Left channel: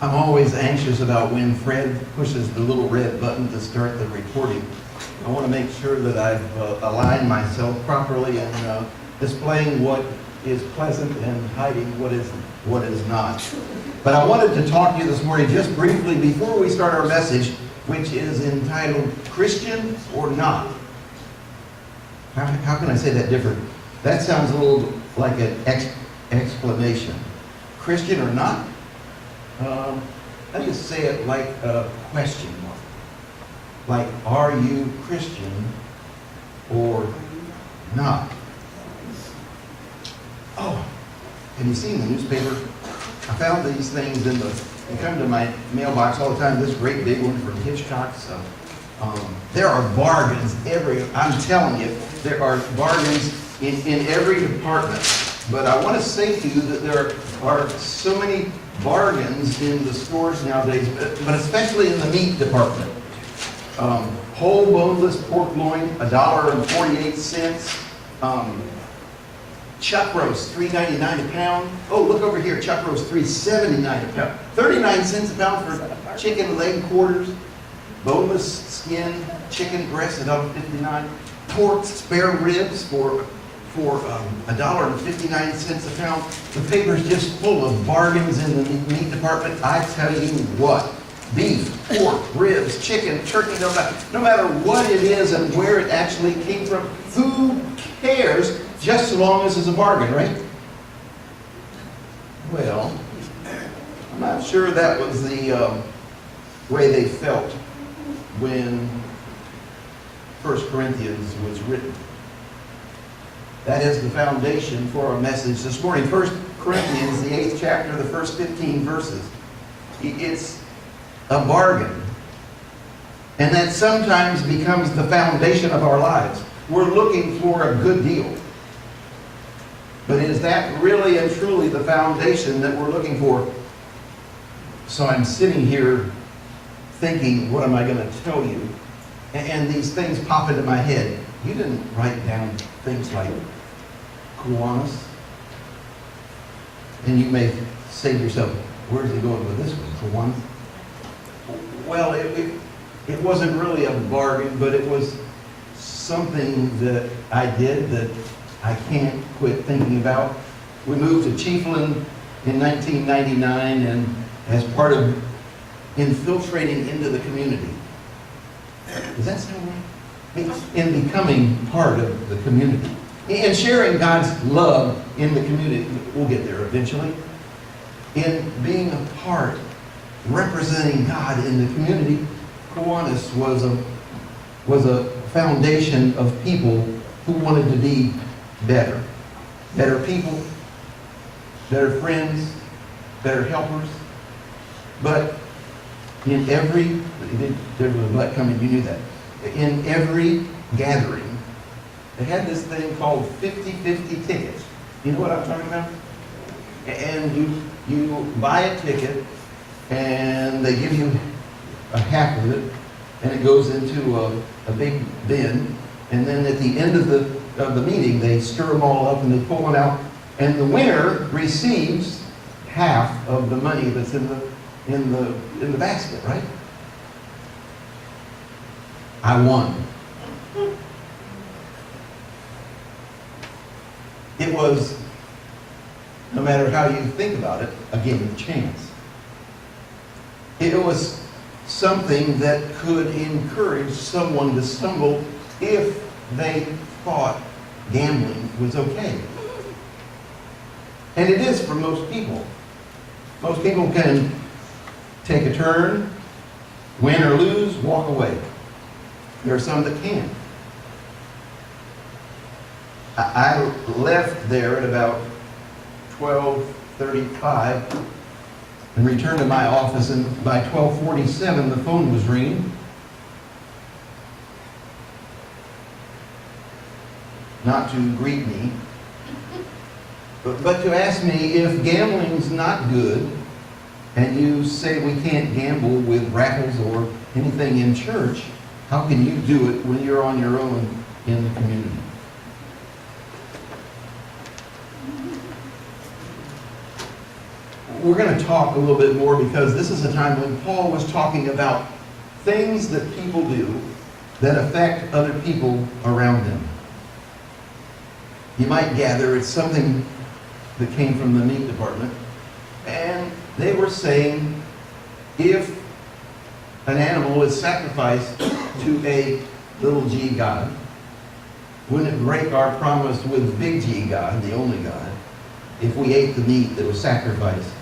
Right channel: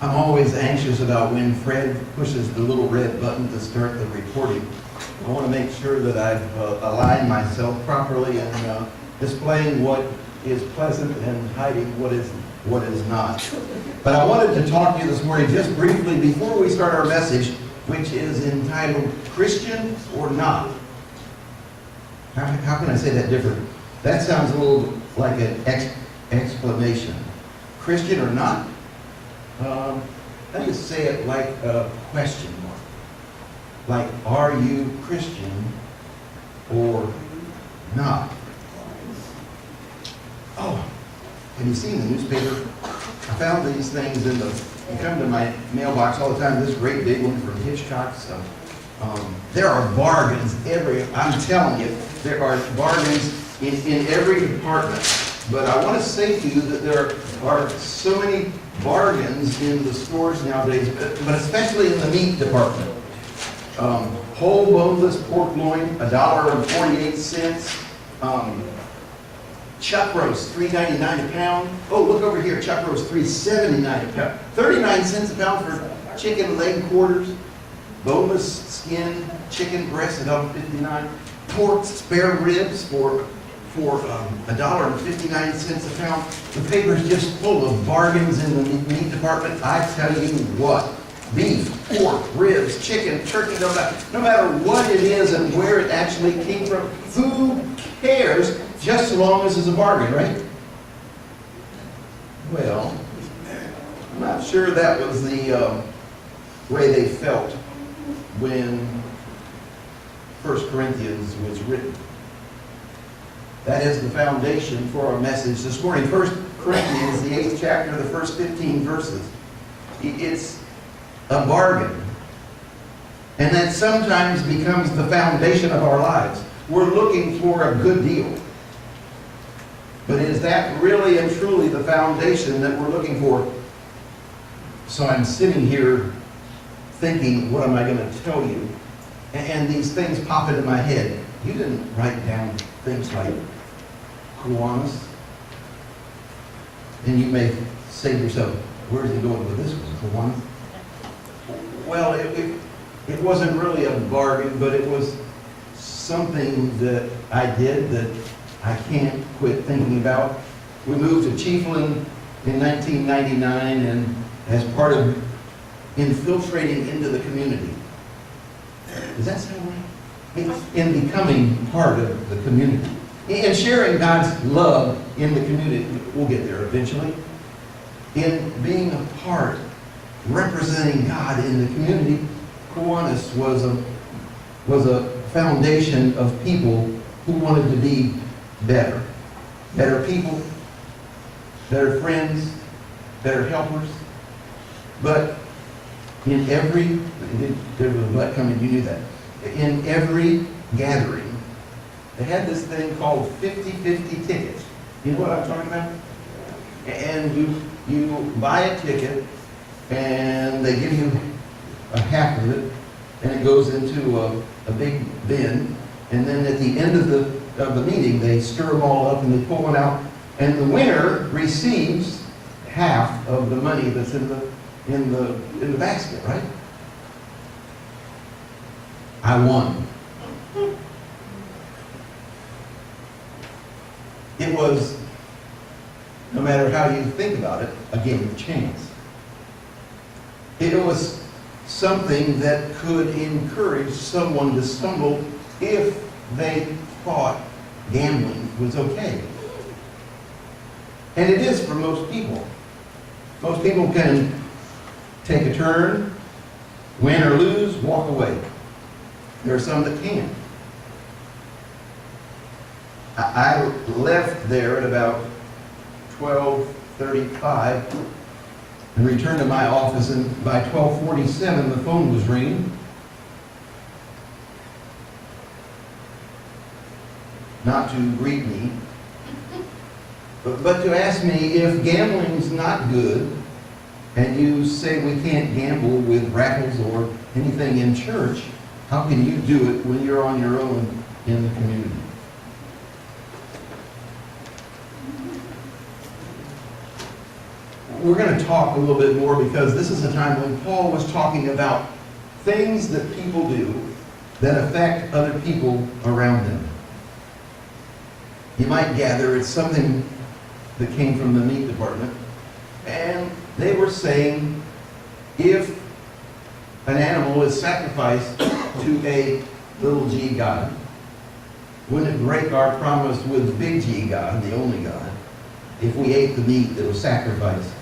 I'm always anxious about when Fred pushes the little red button to start the recording. I want to make sure that I've aligned myself properly and displaying what is pleasant and hiding what is not. But I wanted to talk to you this morning just briefly before we start our message, which is entitled Christian or Not. How can I say that different? That sounds a little like an exclamation. Christian or not? Let me say it like a question mark. Like, are you Christian or not? Oh, have you seen the newspaper? I found these things you come to my mailbox all the time, this great big one from Hitchcock's. There are bargains I'm telling you, there are bargains in every department. But I want to say to you that there are so many bargains in the stores nowadays, but especially in the meat department. Whole boneless pork loin, $1.48. Chuck roast, $3.99 a pound. Oh, look over here, chuck roast, $3.79 a pound. 39 cents a pound for chicken leg quarters. Boneless skin chicken breast, $1.59. Pork spare ribs for $1.59 a pound. The paper's just full of bargains in the meat department. I tell you what, beef, pork, ribs, chicken, turkey, no matter what it is and where it actually came from, who cares, just as long as it's a bargain, right? Well, I'm not sure that was the way they felt when 1 Corinthians was written. That is the foundation for our message this morning. 1 Corinthians, the 8th chapter, the first 15 verses. It's a bargain. And that sometimes becomes the foundation of our lives. We're looking for a good deal. But is that really and truly the foundation that we're looking for? So I'm sitting here thinking, what am I going to tell you? And these things pop into my head. You didn't write down things like Kiwanis. And you may say to yourself, where's he going with this one, Kiwanis? Well, it wasn't really a bargain, but it was something that I did that I can't quit thinking about. We moved to Chiefland in 1999, and as part of infiltrating into the community. Does that sound right? In becoming part of the community. In sharing God's love in the community. We'll get there eventually. In being a part, representing God in the community. Kiwanis was a foundation of people who wanted to be better. Better people, better friends, better helpers. But in every, there was a black coming, you knew that. In every gathering, they had this thing called 50-50 tickets. You know what I'm talking about? And you buy a ticket, and they give you a half of it, and it goes into a big bin, and then at the end of the meeting, they stir them all up and they pull one out, and the winner receives half of the money that's in the basket, right? I won. It was, no matter how you think about it, a game of chance. It was something that could encourage someone to stumble if they thought gambling was okay. And it is for most people. Most people can take a turn, win or lose, walk away. There are some that can't. I left there at about 12:35 and returned to my office, and by 12:47 the phone was ringing. Not to greet me, but to ask me if gambling's not good, and you say we can't gamble with raffles or anything in church, how can you do it when you're on your own in the community? we're going to talk a little bit more because this is a time when Paul was talking about things that people do that affect other people around them. You might gather it's something that came from the meat department. And they were saying, if an animal is sacrificed to a little g God, wouldn't it break our promise with big G God, the only God, if we ate the meat that was sacrificed?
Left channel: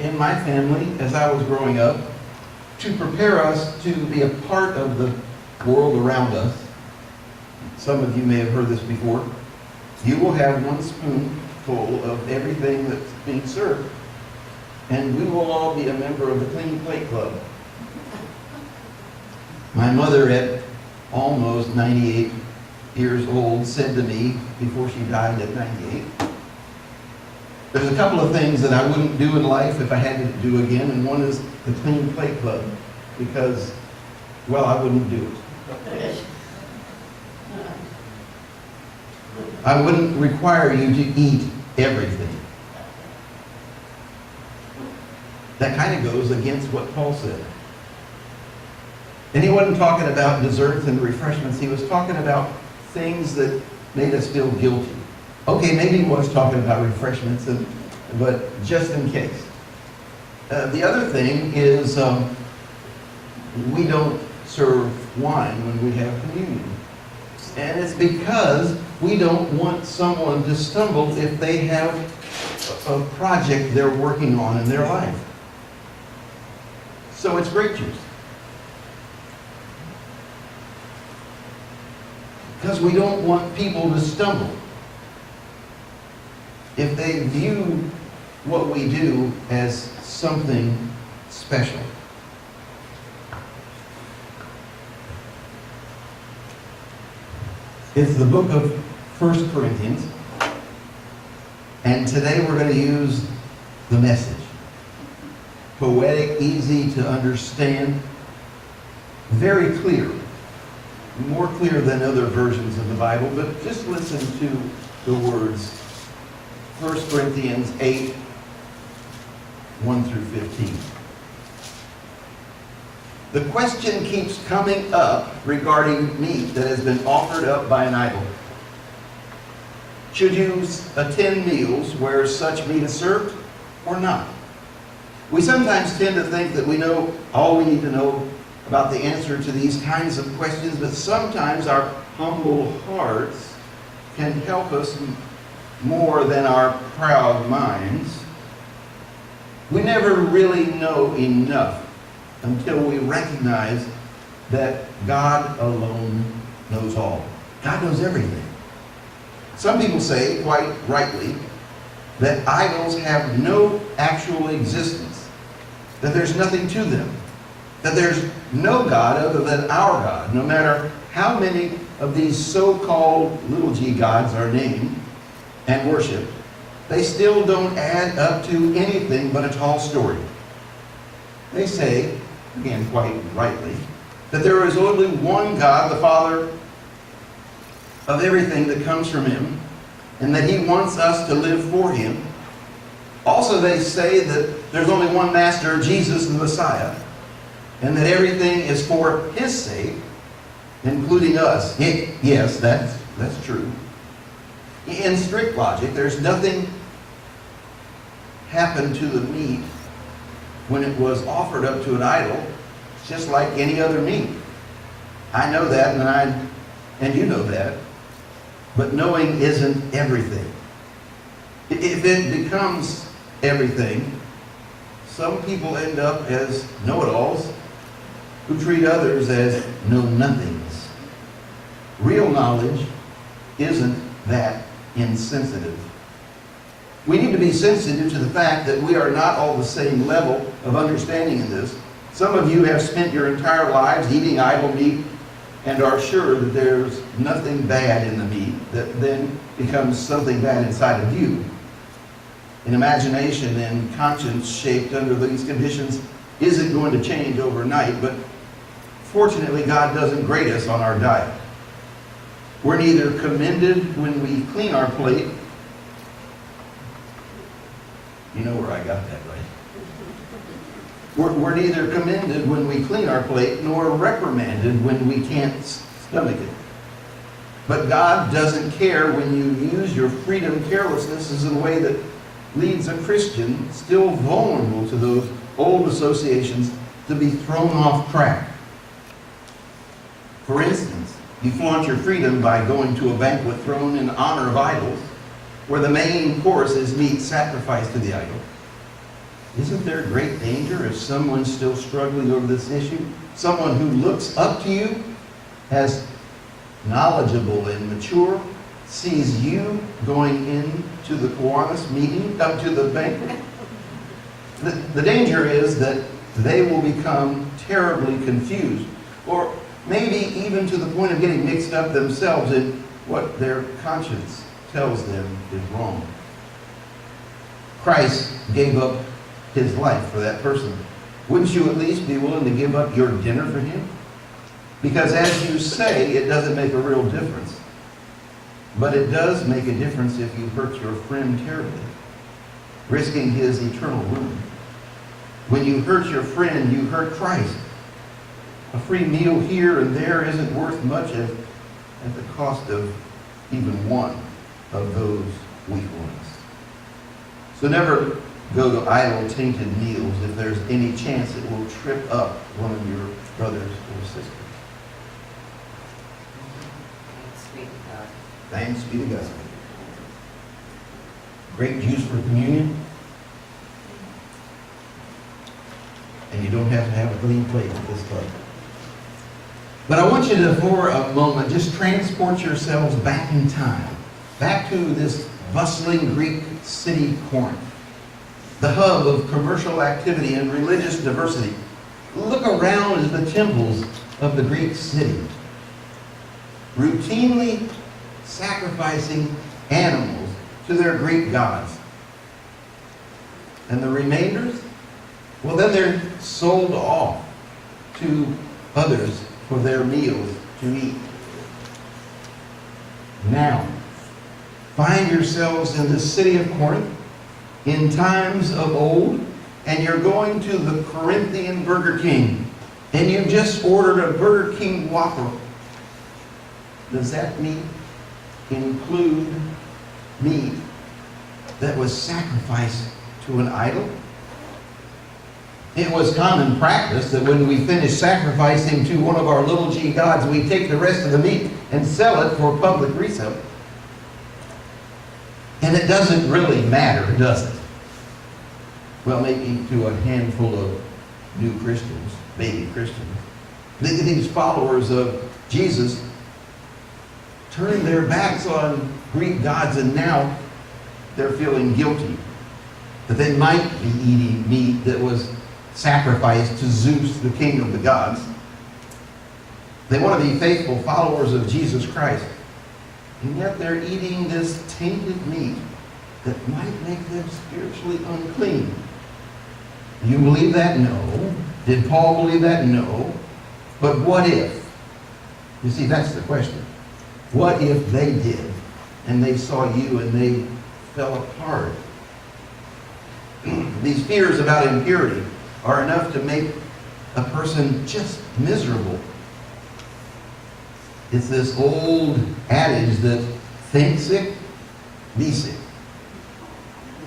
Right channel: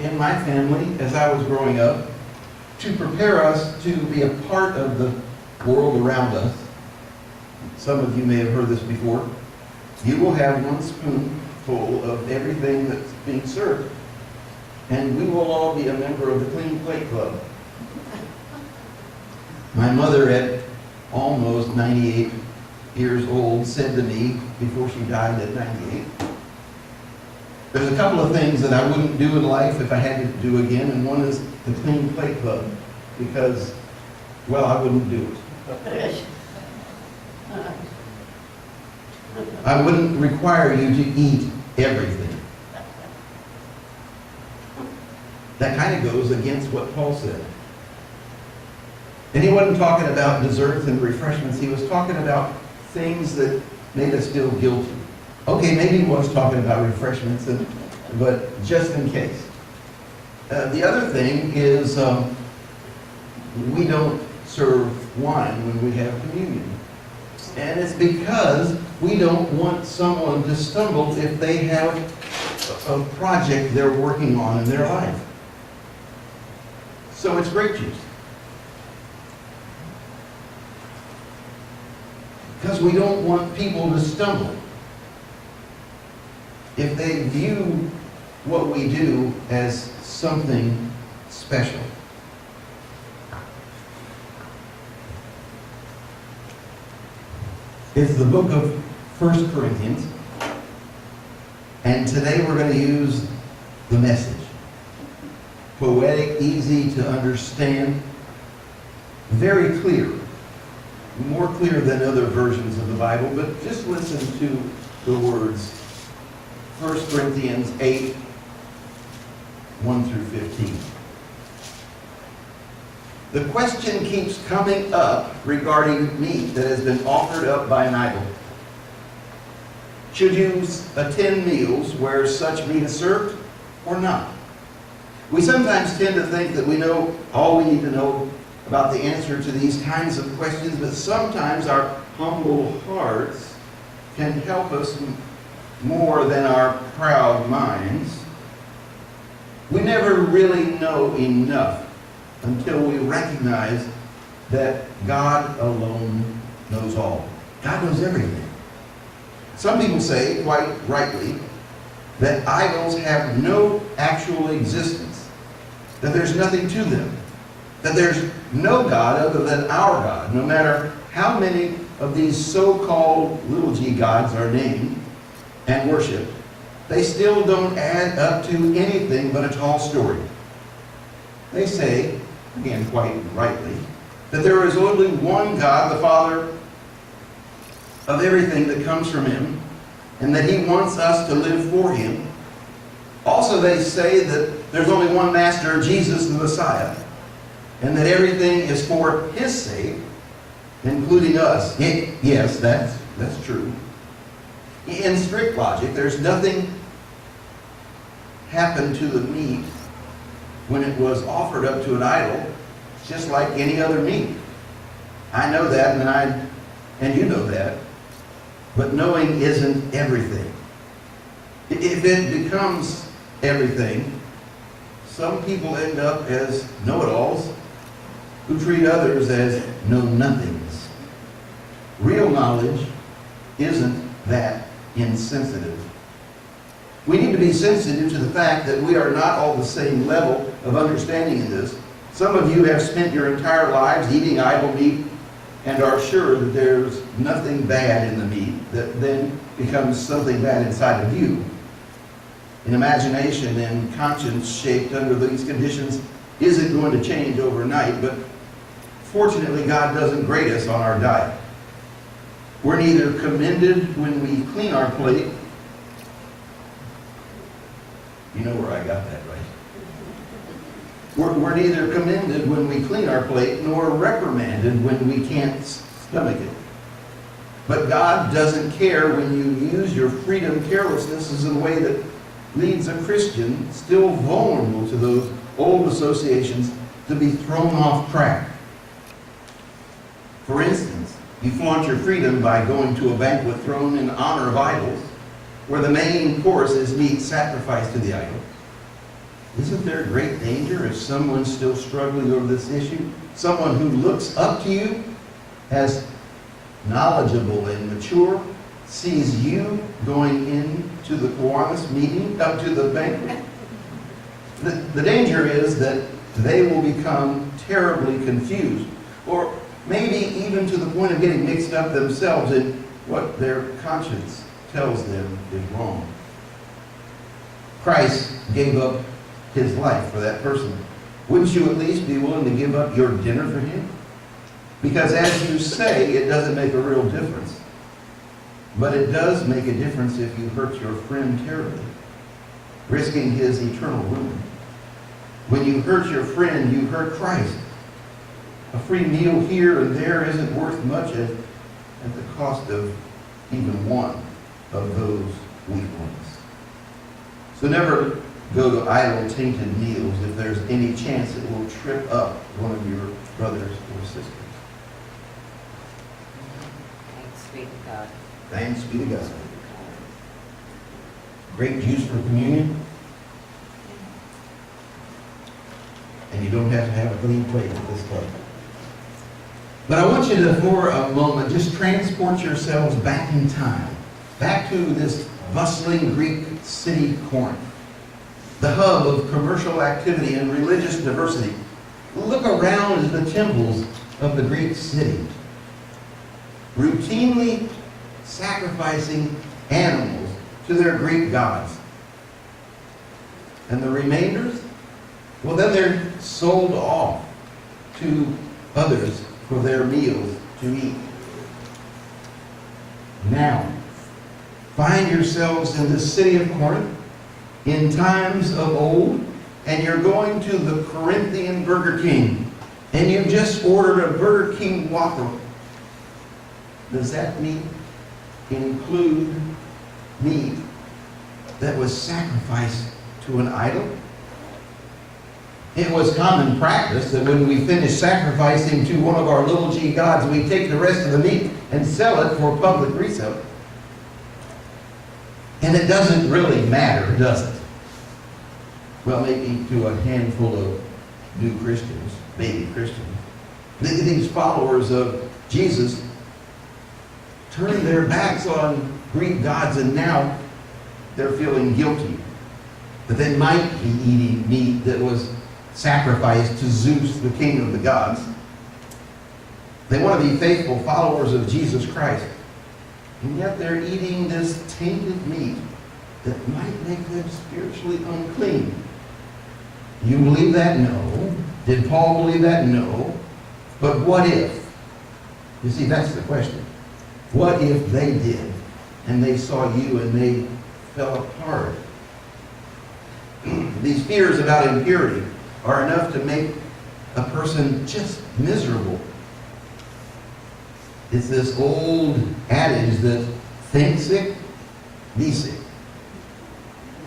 In my family, as I was growing up, to prepare us to be a part of the world around us, some of you may have heard this before, you will have one spoonful of everything that's being served, and we will all be a member of the Clean Plate Club. My mother, at almost 98 years old, said to me before she died at 98, there's a couple of things that I wouldn't do in life if I had to do again, and one is the Clean Plate Club, because, well, I wouldn't do it. I wouldn't require you to eat everything. That kind of goes against what Paul said. And he wasn't talking about desserts and refreshments. He was talking about things that made us feel guilty. Okay, maybe he was talking about refreshments, but just in case. The other thing is we don't serve wine when we have communion. And it's because we don't want someone to stumble if they have a project they're working on in their life. So it's grape juice. Because we don't want people to stumble if they view what we do as something special. It's the book of 1 Corinthians, and today we're going to use the Message. Poetic, easy to understand, very clear. More clear than other versions of the Bible, but just listen to the words. 1 Corinthians 8, 1 through 15. The question keeps coming up regarding meat that has been offered up by an idol. Should you attend meals where such meat is served or not? We sometimes tend to think that we know all we need to know about the answer to these kinds of questions, but sometimes our humble hearts can help us more than our proud minds. We never really know enough until we recognize that God alone knows all. God knows everything. Some people say, quite rightly, that idols have no actual existence, that there's nothing to them, that there's no God other than our God. No matter how many of these so-called little g gods are named and worshipped, they still don't add up to anything but a tall story. They say, again quite rightly, that there is only one God, the Father of everything that comes from Him, and that He wants us to live for Him. Also, they say that there's only one Master, Jesus the Messiah, and that everything is for His sake, including us. Yes, that's true. In strict logic, there's nothing happened to the meat when it was offered up to an idol. It's just like any other meat. I know that, and you know that. But knowing isn't everything. If it becomes everything, some people end up as know-it-alls who treat others as know-nothings. Real knowledge isn't that insensitive. We need to be sensitive to the fact that we are not all the same level of understanding in this. Some of you have spent your entire lives eating idol meat and are sure that there's nothing bad in the meat that then becomes something bad inside of you. An imagination and conscience shaped under these conditions isn't going to change overnight, but fortunately God doesn't grade us on our diet. We're neither commended when we clean our plate You know where I got that, right? We're neither commended when we clean our plate, nor reprimanded when we can't stomach it. But God doesn't care when you use your freedom. Carelessness is a way that leads a Christian, still vulnerable to those old associations, to be thrown off track. For instance, you flaunt your freedom by going to a banquet thrown in honor of idols, where the main course is meat sacrificed to the idol. Isn't there great danger if someone's still struggling over this issue? Someone who looks up to you as knowledgeable and mature sees you going into the Kiwanis meeting, up to the banquet. The danger is that they will become terribly confused, or maybe even to the point of getting mixed up themselves in what their conscience tells them is wrong. Christ gave up his life for that person. Wouldn't you at least be willing to give up your dinner for him? Because as you say, it doesn't make a real difference. But it does make a difference if you hurt your friend terribly, risking his eternal ruin. When you hurt your friend, you hurt Christ. A free meal here and there isn't worth much at the cost of even one of those weak ones. So never go to idol-tainted meals if there's any chance it will trip up one of your brothers or sisters. Thanks be to God. Thanks be to God. Grape juice for communion. And you don't have to have a clean plate at this club. But I want you to, for a moment, just transport yourselves back in time. Back to this bustling Greek city, Corinth. The hub of commercial activity and religious diversity. Look around at the temples of the Greek city, routinely sacrificing animals to their Greek gods. And the remainders? Well, then they're sold off to others for their meals to eat. Now, find yourselves in the city of Corinth in times of old, and you're going to the Corinthian Burger King, and you've just ordered a Burger King Whopper. Does that meat include meat that was sacrificed to an idol? It was common practice that when we finish sacrificing to one of our little g gods, we take the rest of the meat and sell it for public resale. And it doesn't really matter, does it? Well, maybe to a handful of new Christians, baby Christians. These followers of Jesus turned their backs on Greek gods, and now they're feeling guilty that they might be eating meat that was sacrificed to Zeus, the king of the gods. They want to be faithful followers of Jesus Christ, and yet they're eating this tainted meat that might make them spiritually unclean. You believe that? No. Did Paul believe that? No. But what if? You see, that's the question. What if they did, and they saw you and they fell apart? These fears about impurity are enough to make a person just miserable. It's this old adage that think sick, be sick.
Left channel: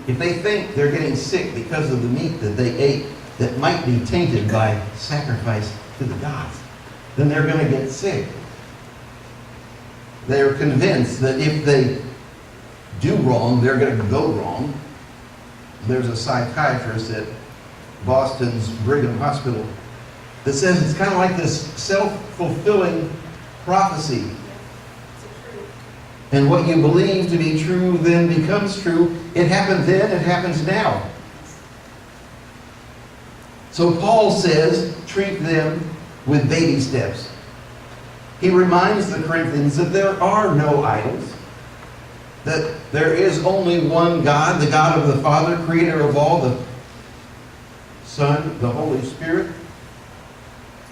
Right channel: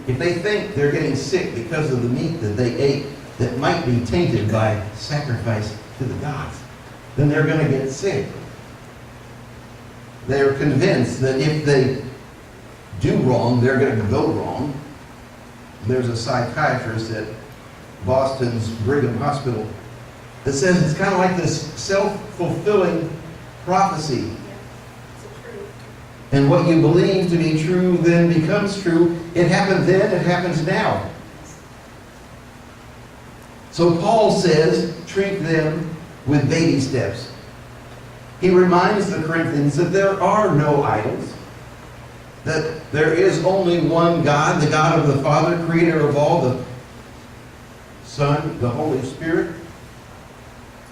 If they think they're getting sick because of the meat that they ate that might be tainted by sacrifice to the gods, then they're going to get sick. They're convinced that if they do wrong, they're going to go wrong. There's a psychiatrist at Boston's Brigham Hospital that says it's kind of like this self-fulfilling prophecy. And what you believe to be true then becomes true. It happened then, it happens now. So Paul says, treat them with baby steps. He reminds the Corinthians that there are no idols, that there is only one God, the God of the Father, creator of all, the Son, the Holy Spirit.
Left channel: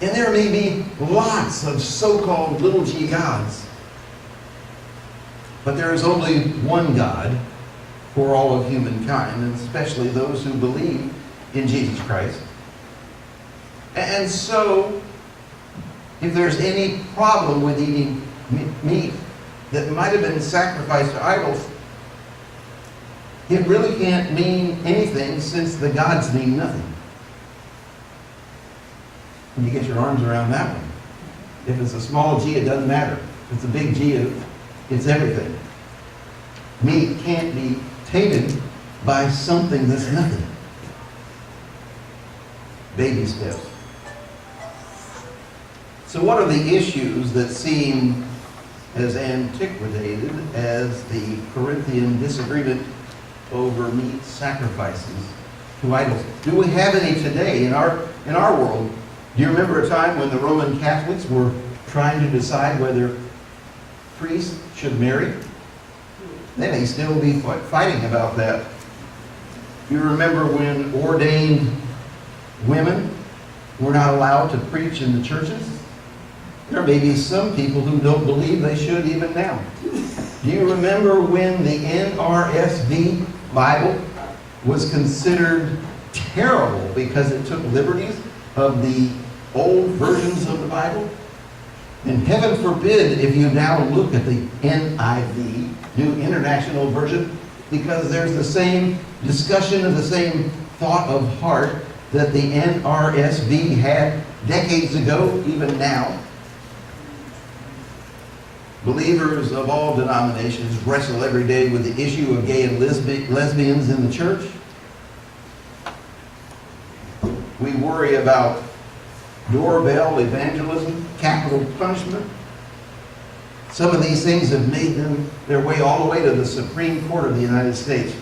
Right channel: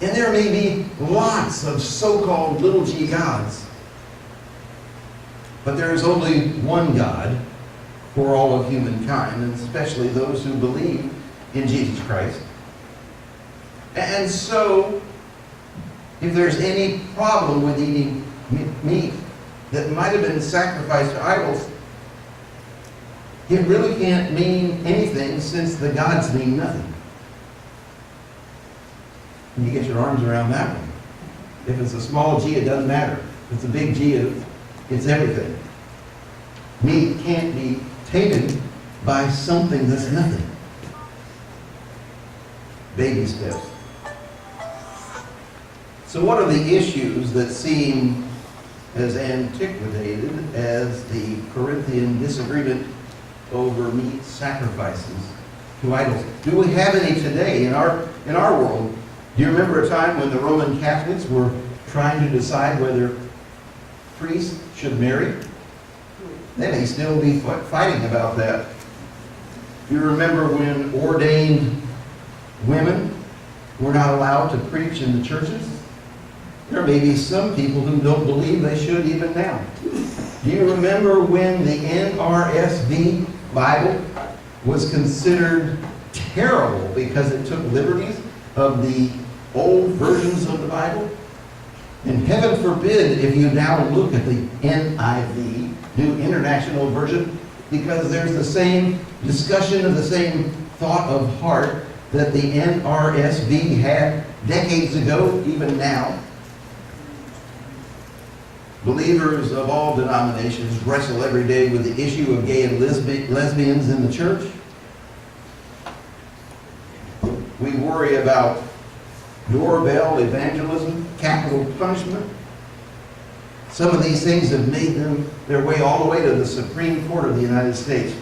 And there may be lots of so-called little g gods, but there is only one God, for all of humankind, and especially those who believe in Jesus Christ. And so, if there's any problem with eating meat that might have been sacrificed to idols, it really can't mean anything, since the gods mean nothing. And you get your arms around that one. If it's a small g, it doesn't matter. If it's a big G, it's everything. Meat can't be tainted by something that's nothing. Baby steps. So what are the issues that seem as antiquated as the Corinthian disagreement over meat sacrifices to idols? Do we have any today in our world? Do you remember a time when the Roman Catholics were trying to decide whether priests should marry? They may still be fighting about that. Do you remember when ordained women were not allowed to preach in the churches? There may be some people who don't believe they should even now. Do you remember when the NRSV Bible was considered terrible because it took liberties of the old versions of the Bible? And heaven forbid if you now look at the NIV, New International Version, because there's the same discussion and the same thought of heart that the NRSV had decades ago, even now. Believers of all denominations wrestle every day with the issue of gay and lesbians in the church. We worry about doorbell evangelism, capital punishment. Some of these things have made their way all the way to the Supreme Court of the United States.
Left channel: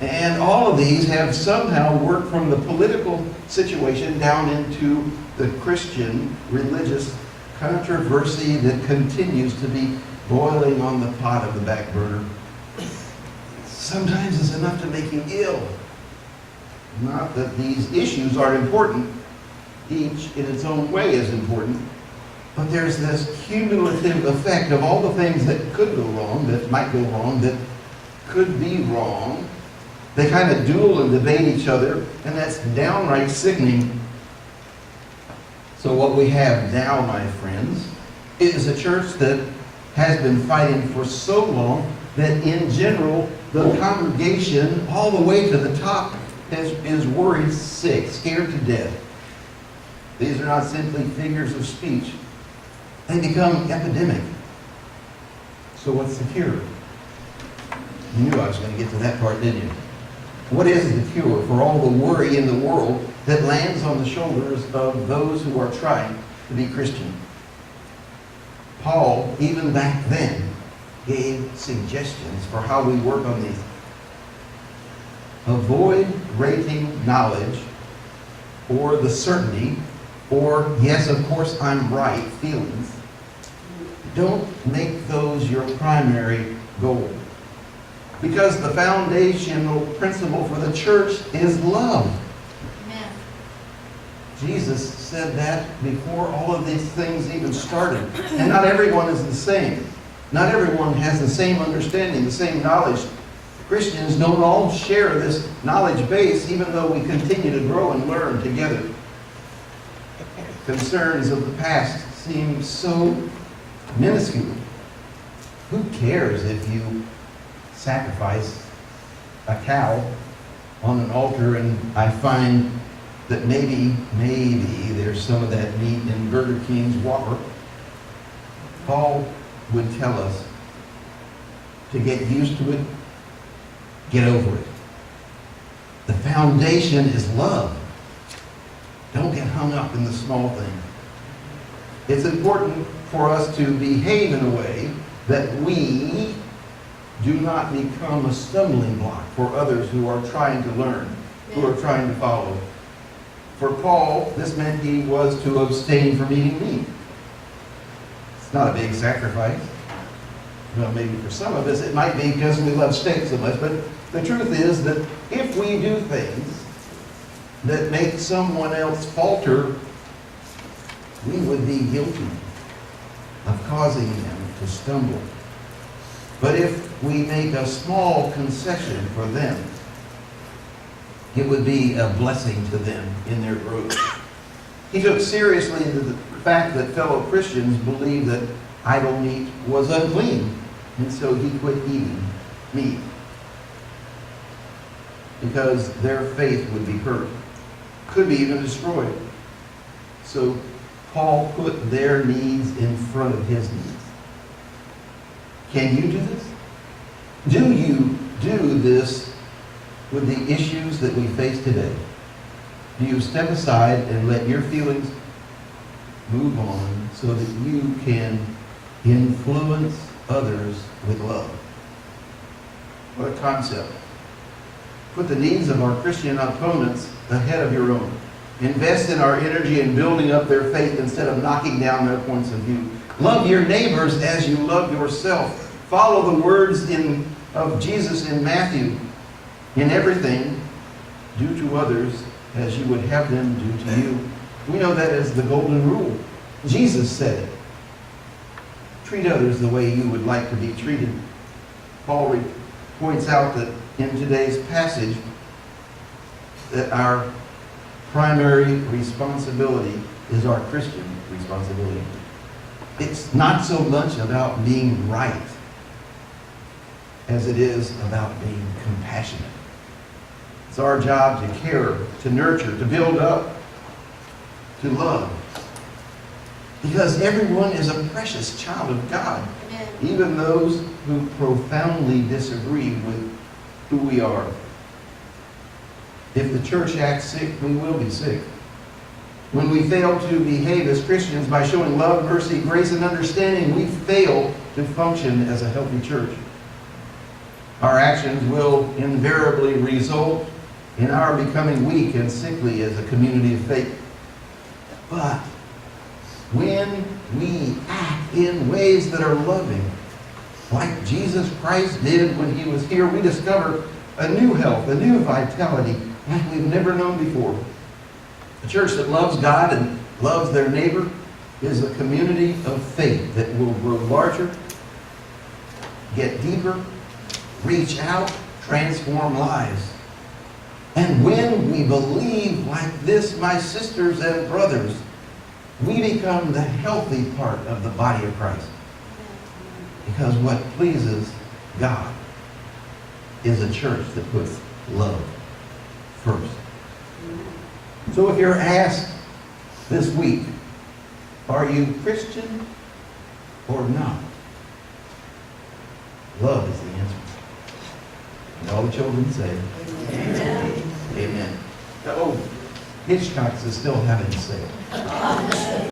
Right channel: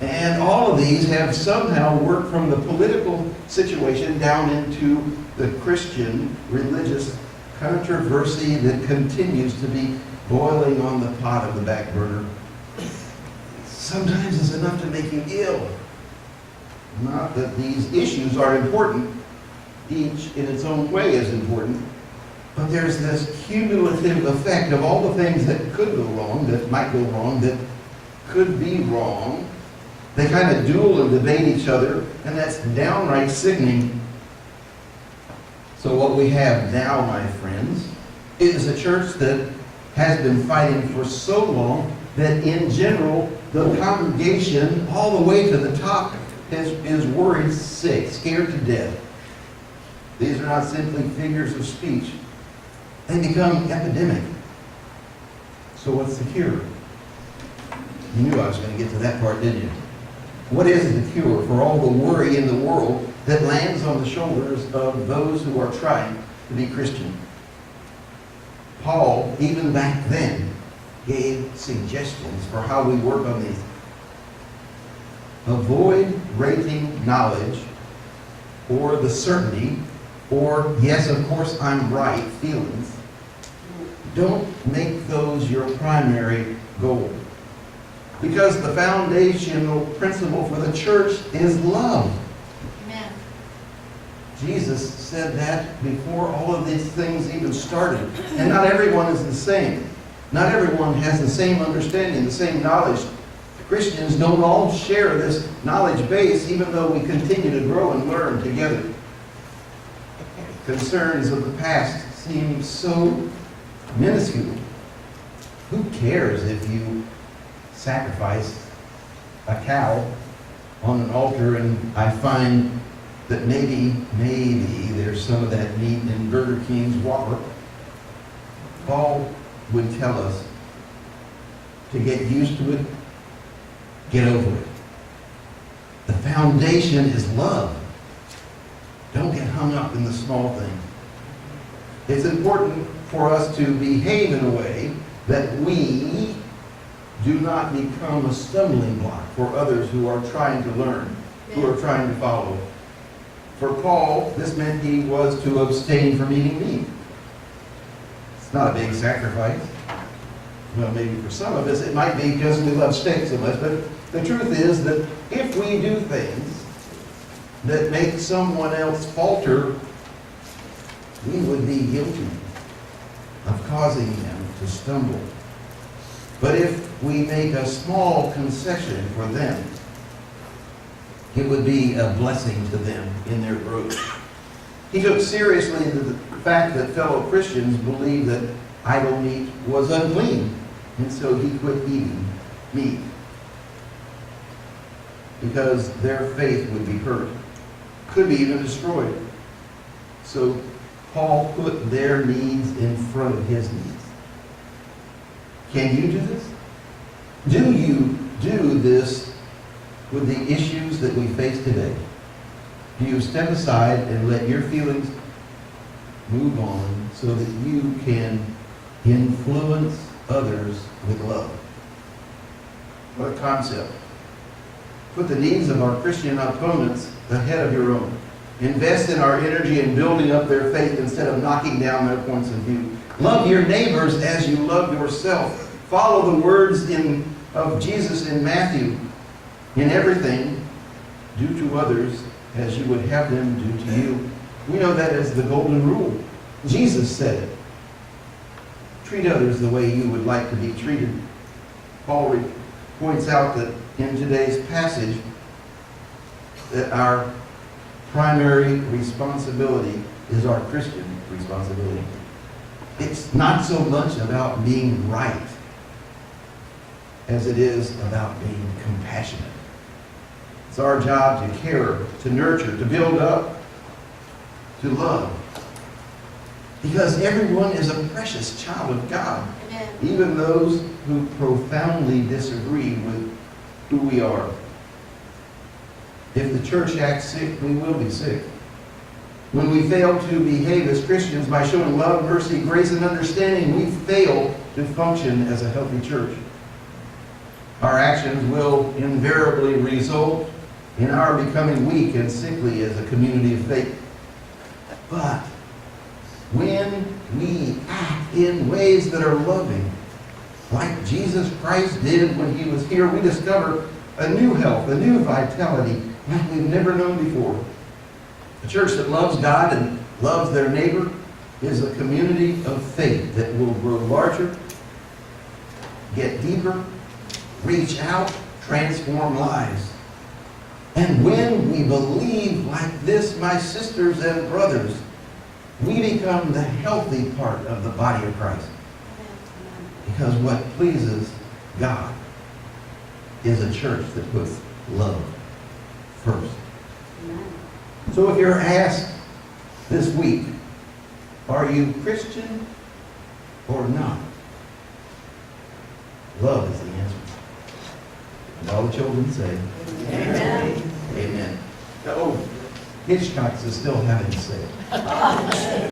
And all of these have somehow worked from the political situation down into the Christian religious controversy that continues to be boiling on the pot of the back burner. Sometimes it's enough to make you ill. Not that these issues are important. Each in its own way is important. But there's this cumulative effect of all the things that could go wrong, that might go wrong, that could be wrong. They kind of duel and debate each other, and that's downright sickening. So what we have now, my friends, is a church that has been fighting for so long that in general, the congregation all the way to the top is worried sick, scared to death. These are not simply figures of speech. They become epidemic. So what's the cure? You knew I was going to get to that part, didn't you? What is the cure for all the worry in the world that lands on the shoulders of those who are trying to be Christian? Paul, even back then, gave suggestions for how we work on these. Avoid rating knowledge or the certainty or, yes, of course, I'm right feelings. Don't make those your primary goal. Because the foundational principle for the church is love. Amen. Jesus said that before all of these things even started. And not everyone is the same. Not everyone has the same understanding, the same knowledge. Christians don't all share this knowledge base, even though we continue to grow and learn together. Concerns of the past seem so minuscule. Who cares if you sacrifice a cow on an altar and I find that maybe there's some of that meat in Burger King's Whopper? Paul would tell us to get used to it, get over it. The foundation is love. Don't get hung up in the small things. It's important for us to behave in a way that we do not become a stumbling block for others who are trying to learn, who are trying to follow. For Paul, this meant he was to abstain from eating meat. It's not a big sacrifice. Well, maybe for some of us it might be because we love steak so much, but the truth is that if we do things that make someone else falter, we would be guilty of causing them to stumble. But if we make a small concession for them, it would be a blessing to them in their growth. He took seriously the fact that fellow Christians believed that idol meat was unclean, and so he quit eating meat because their faith would be hurt, could be even destroyed. So Paul put their needs in front of his needs. Can you do this? Do you do this with the issues that we face today? Do you step aside and let your feelings move on so that you can influence others with love? What a concept. Put the needs of our Christian opponents ahead of your own. Invest in our energy in building up their faith instead of knocking down their points of view. Love your neighbors as you love yourself. Follow the words of Jesus in Matthew. In everything, do to others as you would have them do to you. We know that as the golden rule. Jesus said it. Treat others the way you would like to be treated. Paul points out that in today's passage that our primary responsibility is our Christian responsibility. It's not so much about being right as it is about being compassionate. It's our job to care, to nurture, to build up, to love. Because everyone is a precious child of God. Amen. Even those who profoundly disagree with who we are. If the church acts sick, we will be sick. When we fail to behave as Christians by showing love, mercy, grace, and understanding, we fail to function as a healthy church. Our actions will invariably result in our becoming weak and sickly as a community of faith. But when we act in ways that are loving, like Jesus Christ did when he was here, we discover a new health, a new vitality like we've never known before. A church that loves God and loves their neighbor is a community of faith that will grow larger, get deeper, reach out, transform lives. And when we believe like this, my sisters and brothers, we become the healthy part of the body of Christ. Because what pleases God is a church that puts love first. So if you're asked this week, are you Christian or not? Love is the answer. And all the children say, Amen. Amen. Oh, Hitchcock's is still having a sale.